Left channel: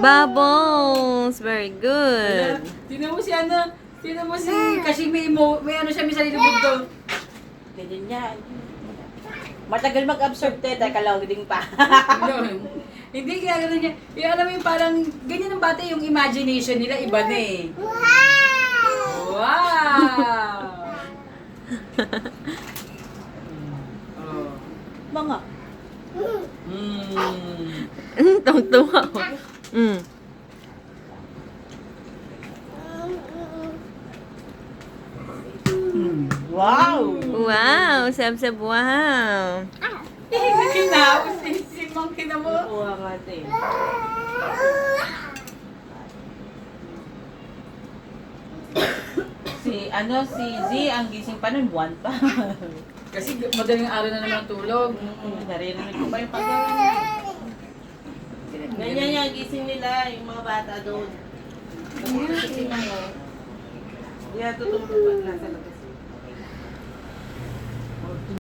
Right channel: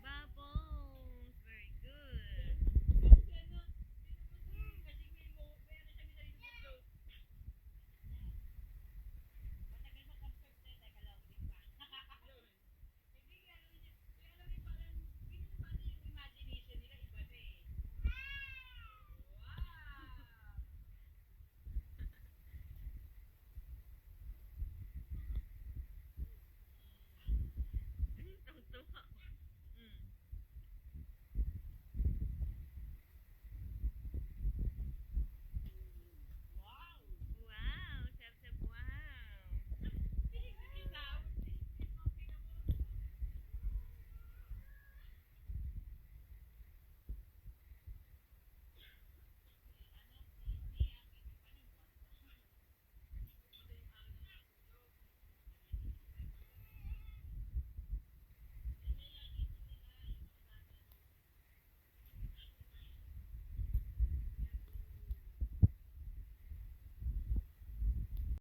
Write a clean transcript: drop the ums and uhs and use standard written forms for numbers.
Bubbles! Very good. Tingnan mo si ano, tingnan mo si, kasi may ano siya, may salilubog doon. Ganyan yan. Matagal mag-absorb teta, kalawding pa. Hindi kaya gano'n niya. Yung alam mo yung parang, ganyan ang bata yung imagination nila, iba na eh. Wow! Oh. Mga. Tungtuwa ko. Wow! Wow! Sab-sab, wow! Kinapos si Monkey na mo. Kuha nga ito eh. Si Z, ang gising pa nun, buwan pa. Kasi madaling araw na naman ang tulog. Naririnig ko pa yung pagkawa niya. Ganyan yung gising nila, yung mga bata doon. Kasi ano, hindi natutulog na.